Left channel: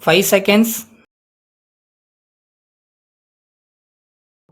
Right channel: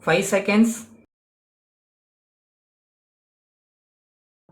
5 seconds.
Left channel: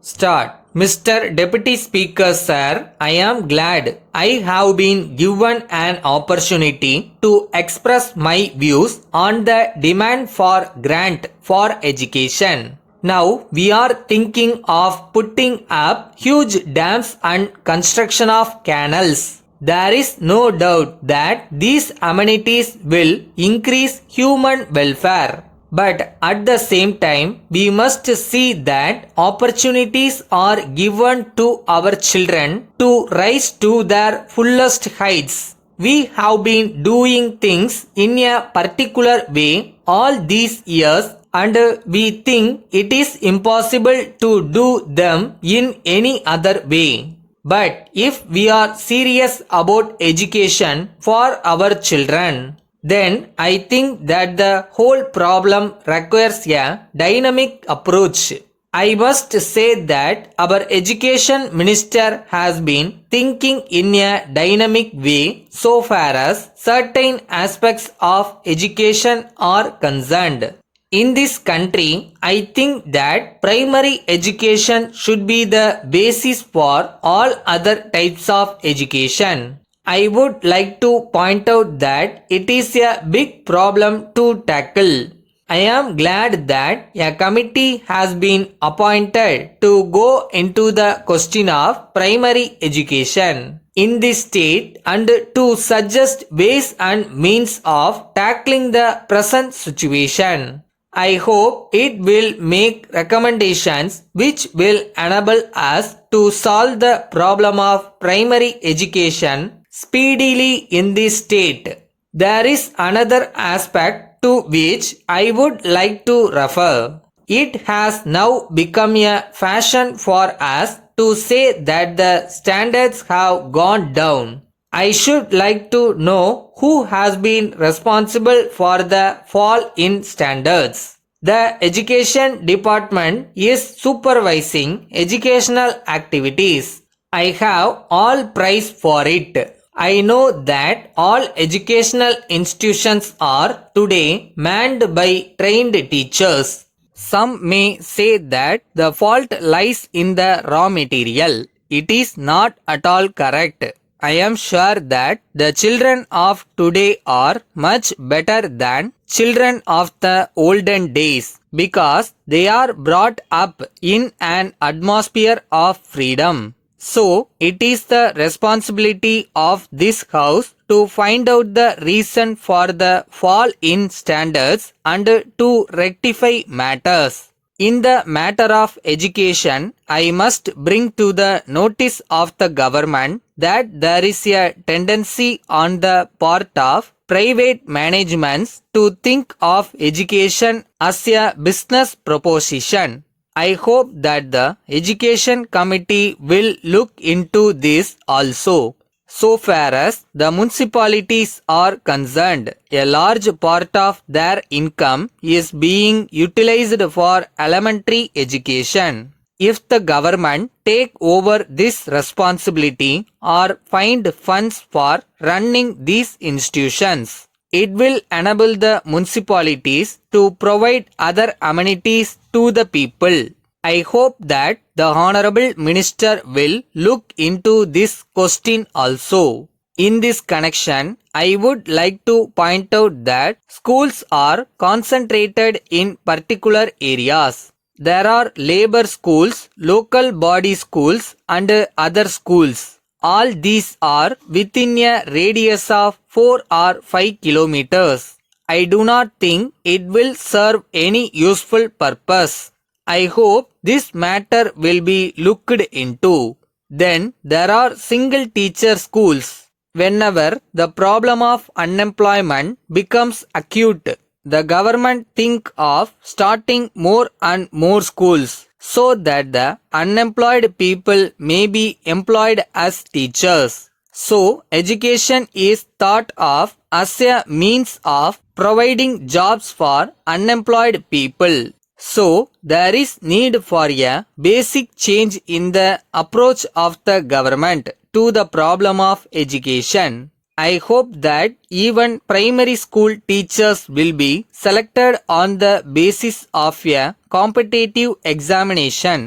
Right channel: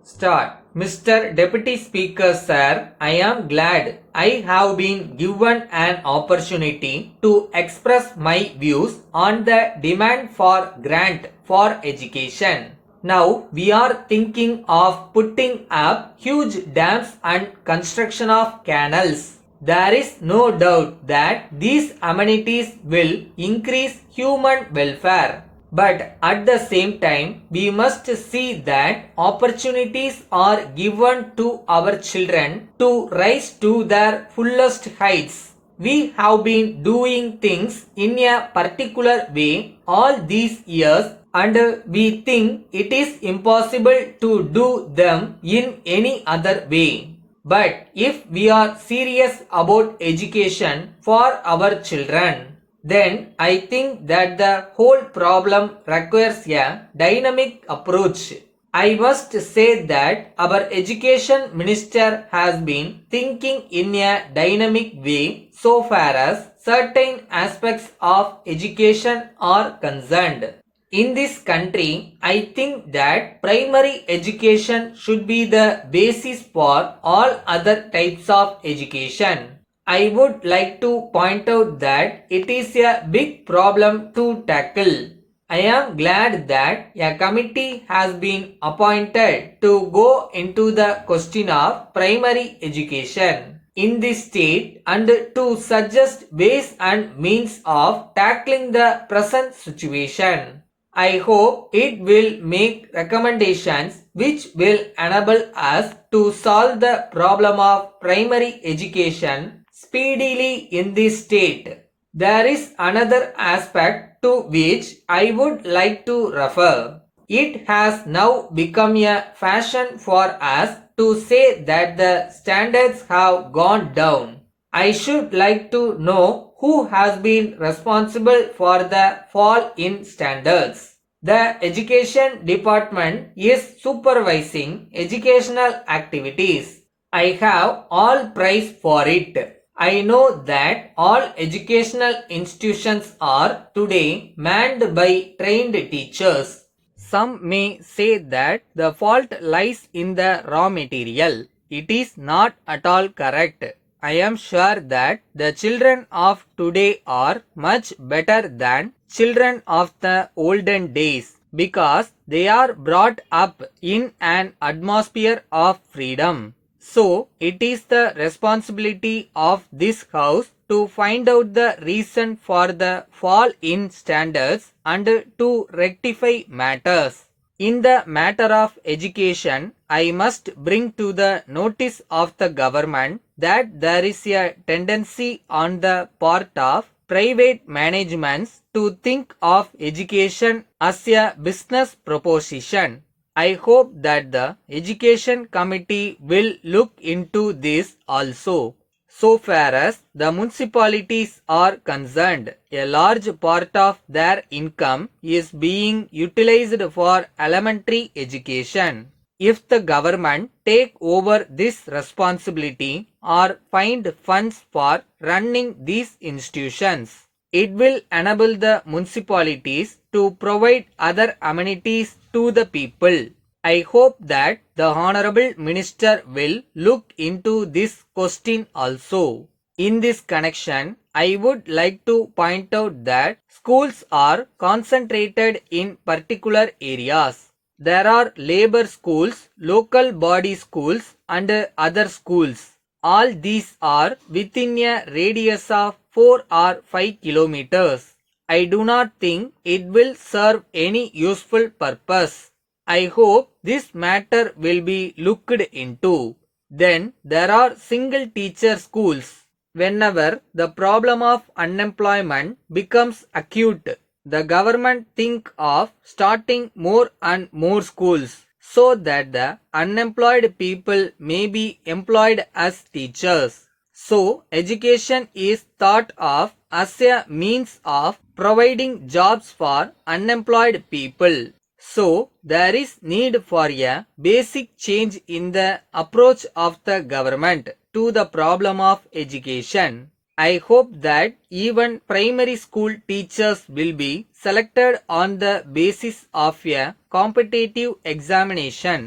Start. Mr. Deputy Speaker Sir, I am glad I have been given an opportunity to express my views on the demand for grant for education. Now we are thinking of putting up huge dams and construction of canals. There is no doubt that these amenities will increase human welfare. But at the same time, we must see that opportunities are given to our children to rise to their fullest heights. We have been doing things in a particular way all these years and we think it is impossible to do them in any other way. But if we are serious about education for our children, then I think that the whole problem requires a dynamic approach. I must say that our education minister has been thinking in a dynamic way so far as certain aspects of education are concerned. In this country, I think that primary education should be the basis for all other types of education. I would like to point out that it is a big problem to tackle. I am glad that a committee has been appointed to go into the question of primary education in this state and to suggest ways and means of tackling the present situation. I hope it will make recommendations which will enable us to solve the problem of primary education speedily in this state. There is another aspect to which I would like to refer. It has now become a fashion for us to say that the standards have gone down. I should like to know who has been responsible for the fall in standards. The education department is supervising educational activities. I have all praise for it. I know that all educational institutions are today manned by trained teachers. Some may say that the fault lies in the raw material. It is not at all correct. I am sure that the children of today are much better than children of the olden days because they are brought up in an atmosphere of freedom. So, it is the responsibility of this house to find out the reason for the fall in standards and to rectify matters. In the matter of education, I must bring to the notice of the government that there is a tendency on the part of private managements to think of education as a business proposition. I hope that the Education Committee will look into this also. So far as the municipalities are concerned, a large part of their income is being utilized for elementary education. If the government take over this responsibility or find funds for running these institutions, it will enable the municipalities to provide other amenities to the people. I hope that the Honorable Minister will look into this question also. In this connection, I would like to point out that schools are concentrated in particular areas. There are labor schools, local body schools and other schools. All these are within a radius of 4 or 5 kilometers. I do not think it will serve any useful purpose. I hope this matter will be looked into. Then there are single teacher schools. Whenever the problem of unemployment becomes acute, the government think of starting more and more schools so that the unemployed people may be employed as teachers. So, education is thought of as a means of providing jobs for unemployed people. So, there is need for a basic change in the approach of the government to the problem of education. I hope that even primary school teachers will be selected on the basis of a competitive examination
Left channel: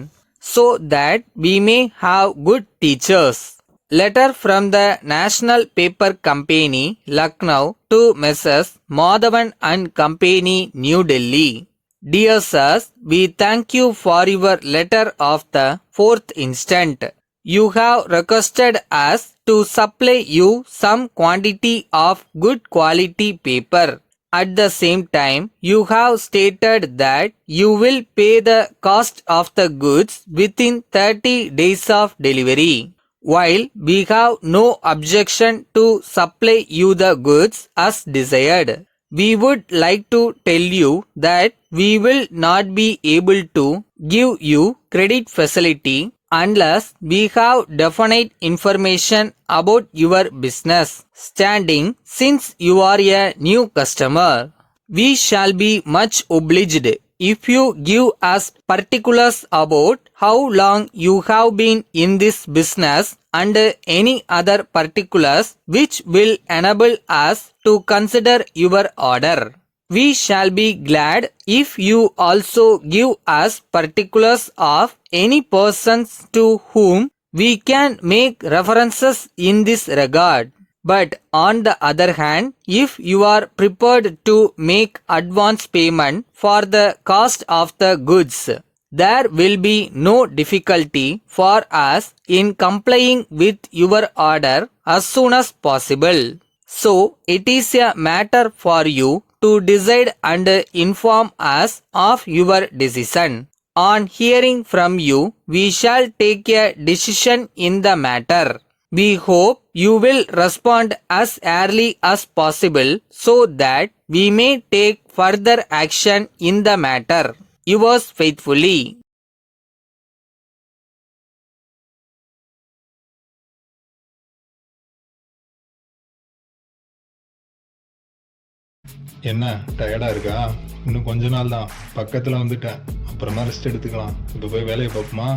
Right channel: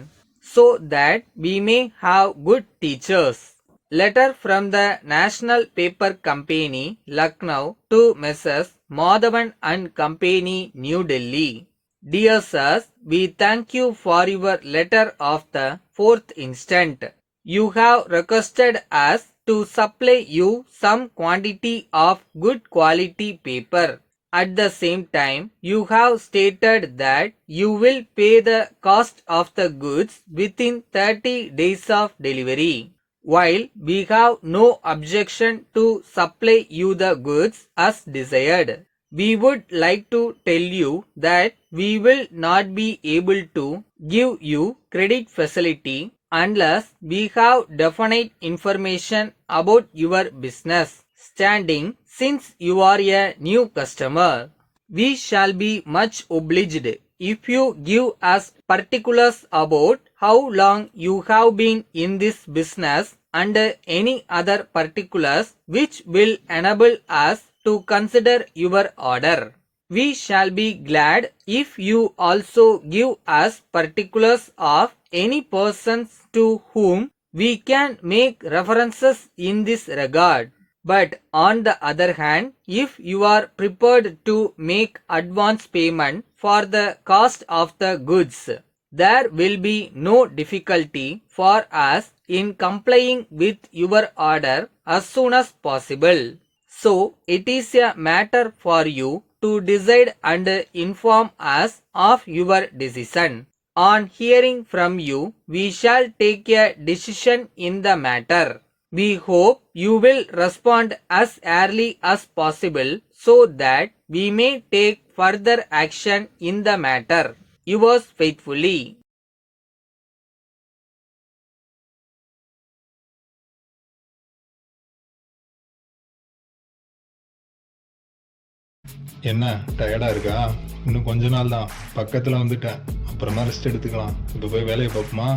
so that we may have good teachers. Letter from the National Paper Company, Lucknow to Messrs. Madhavan and Company, New Delhi. Dear sirs, we thank you for your letter of the 4th instant. You have requested us to supply you some quantity of good quality paper. At the same time, you have stated that you will pay the cost of the goods within 30 days of delivery. While we have no objection to supply you the goods as desired, we would like to tell you that we will not be able to give you credit facility unless we have definite information about your business standing since you are a new customer. We shall be much obliged if you give us particulars about how long you have been in this business and any other particulars which will enable us to consider your order. We shall be glad if you also give us particulars of any persons to whom we can make references in this regard. But on the other hand, if you are prepared to make advance payment for the cost of the goods, there will be no difficulty for us in complying with your order as soon as possible. So, it is a matter for you to decide and inform us of your decision. On hearing from you, we shall take a decision in the matter. We hope you will respond as early as possible so that we may take further action in the matter. Yours faithfully. என்ன டயர்டா இருக்கா? இன்னும் கொஞ்ச நாள் தான், பக்கத்துல வந்துட்டேன். அப்புறமா ரெஸ்ட் எடுத்துக்கலாம். இப்போ போய் வேலையை பார்ப்போமா?